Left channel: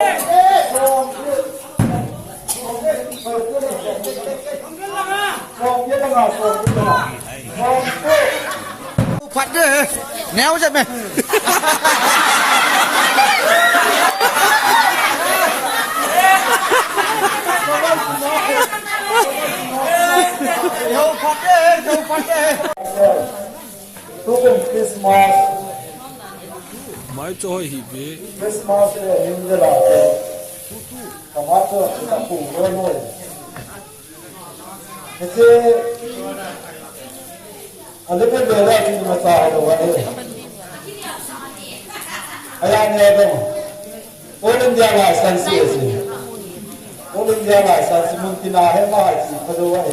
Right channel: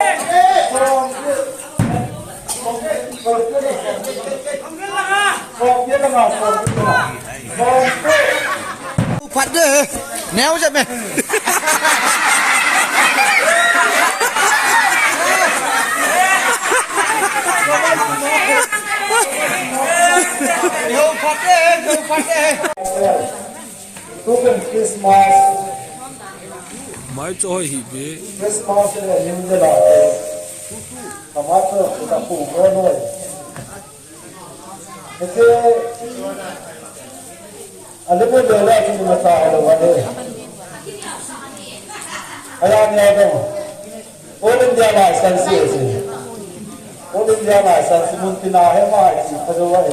Phạt đi, néo cho mày. Mai cho hi be. Christmas là những cái đó, tomato chúng ta phủ lên rồi. Thế anh ấy bây giờ lại thì nó tao rồi đấy. Anh nghe đấy mà. All India license gì? All India license muốn tin nào hết mà chỉ có đâu vậy.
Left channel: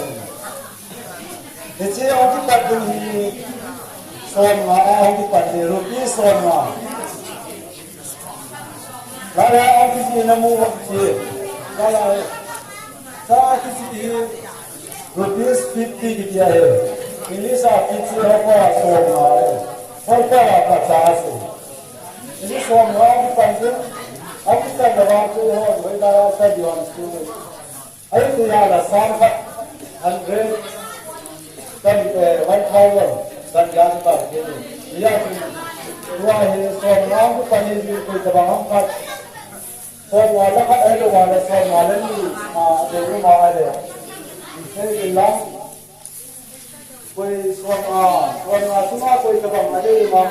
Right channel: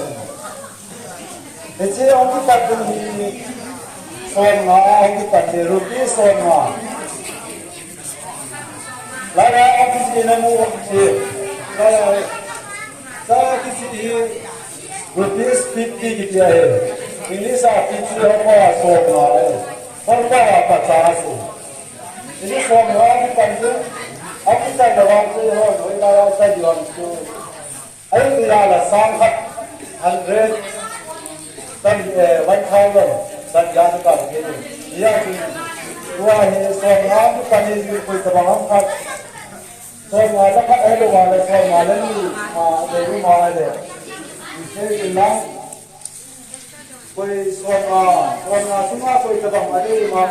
Thế ông cái tập đi son mà ông cái tập đi rupee son mà. Lại ông cái gì nó mua thì lại sao cái gì rupees 50 gitu ya. Ini saat itu apa semua, apa apa ini semua bukan itu, apa kita dalam itu, mereka apa jual itu, itu ya ada sampai 100 dan 1,000 dan yang seperti ini, ya dua ini semua bukan itu kita bangun kan, semua lepas itu ada semua lagi, dari mana ada. Ini bilang, koई सोना सुना कोई कदम अरे मां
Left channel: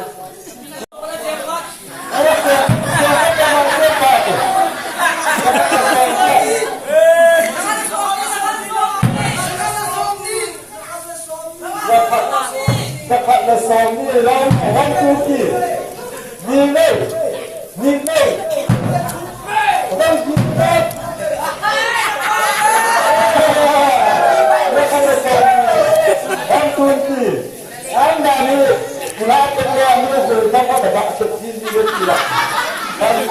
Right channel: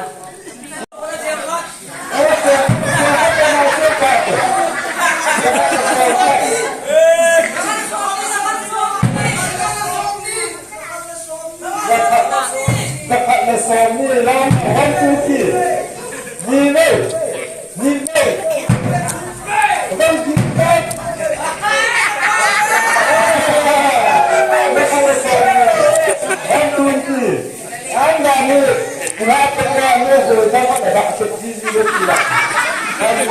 dekat lesam ni lam orang Turki ni orang kita anda ni kenapa kerana berjamaah dapat subsidi tidak? Kalau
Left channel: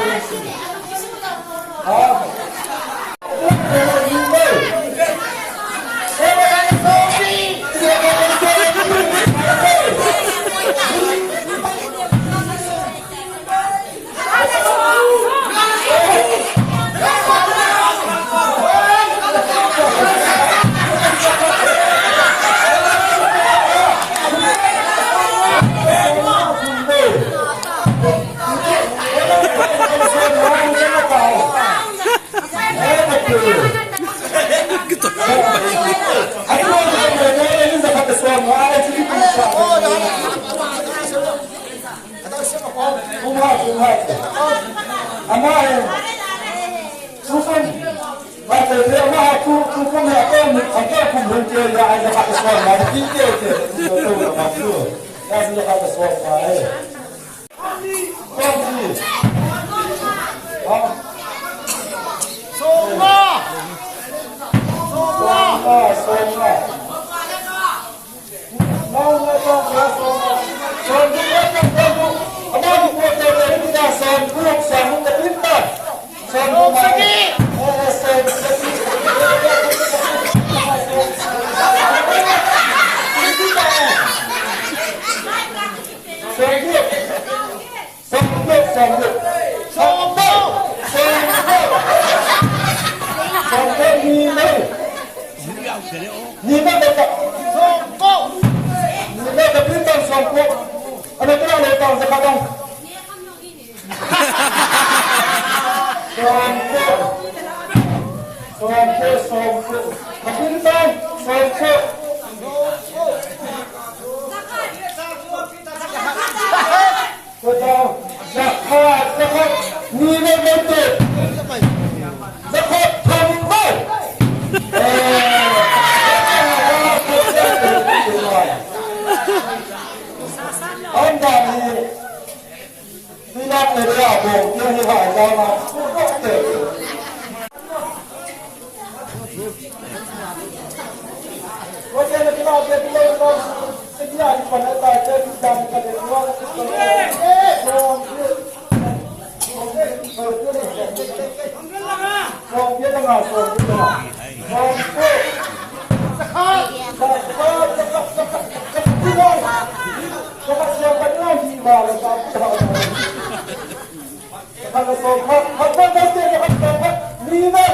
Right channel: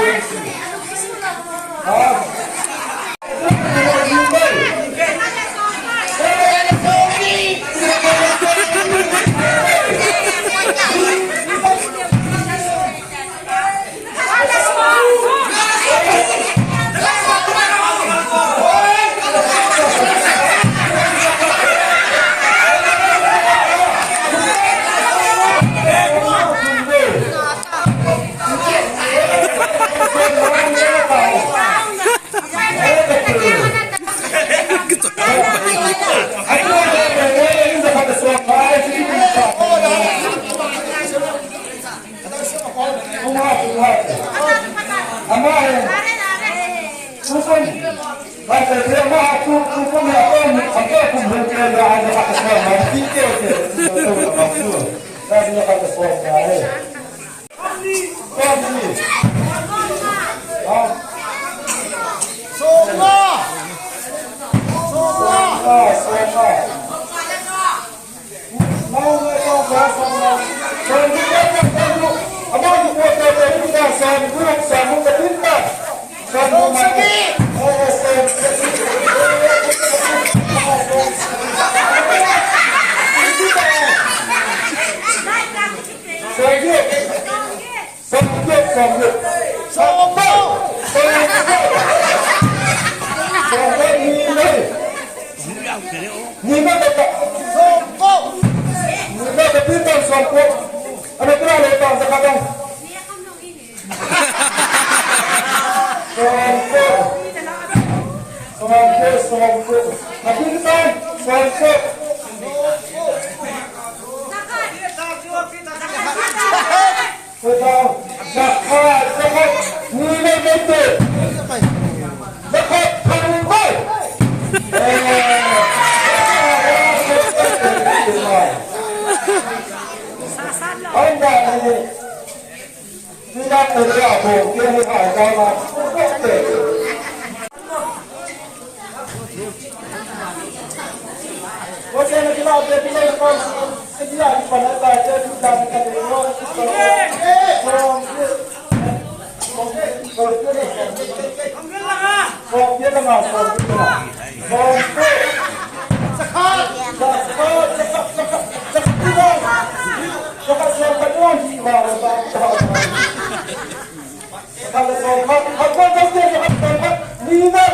Lima.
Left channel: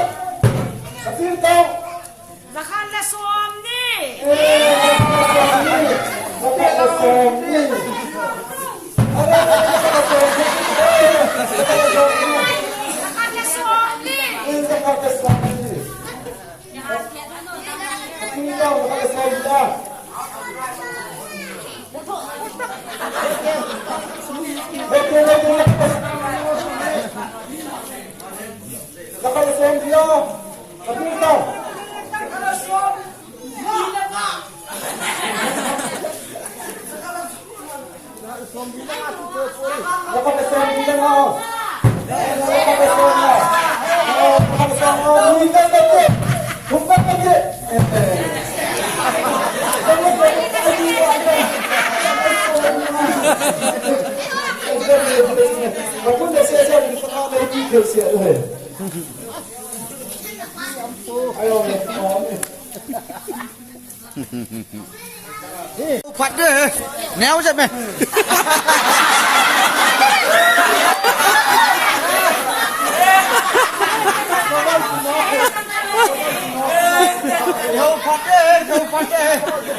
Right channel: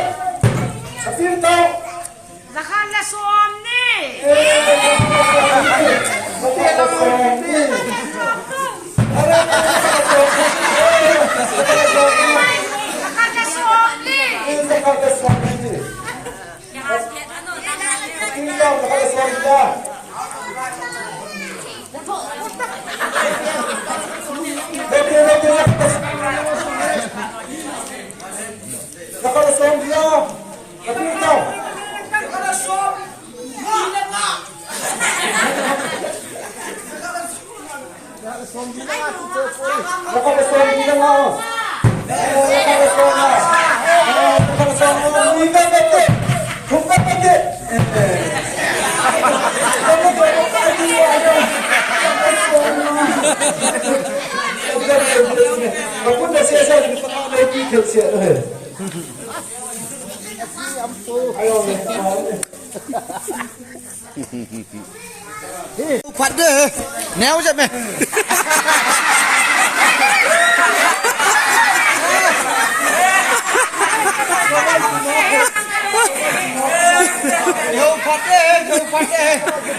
Kapil tau. Zakala Somni. Zakala Somni. Zakala Somni. Zakala Somni. Kapil tau. Zakala Somni. Zakala Somni. Kapil tau. Zakala Somni lang ako. Zakala Somni. Zakala Somni. Hindi ka Huwag pati. Magpunta siya sa ito ka may ticket siya. Ayaw niya. Phạt đi. Néo cho mày. Phạt đi.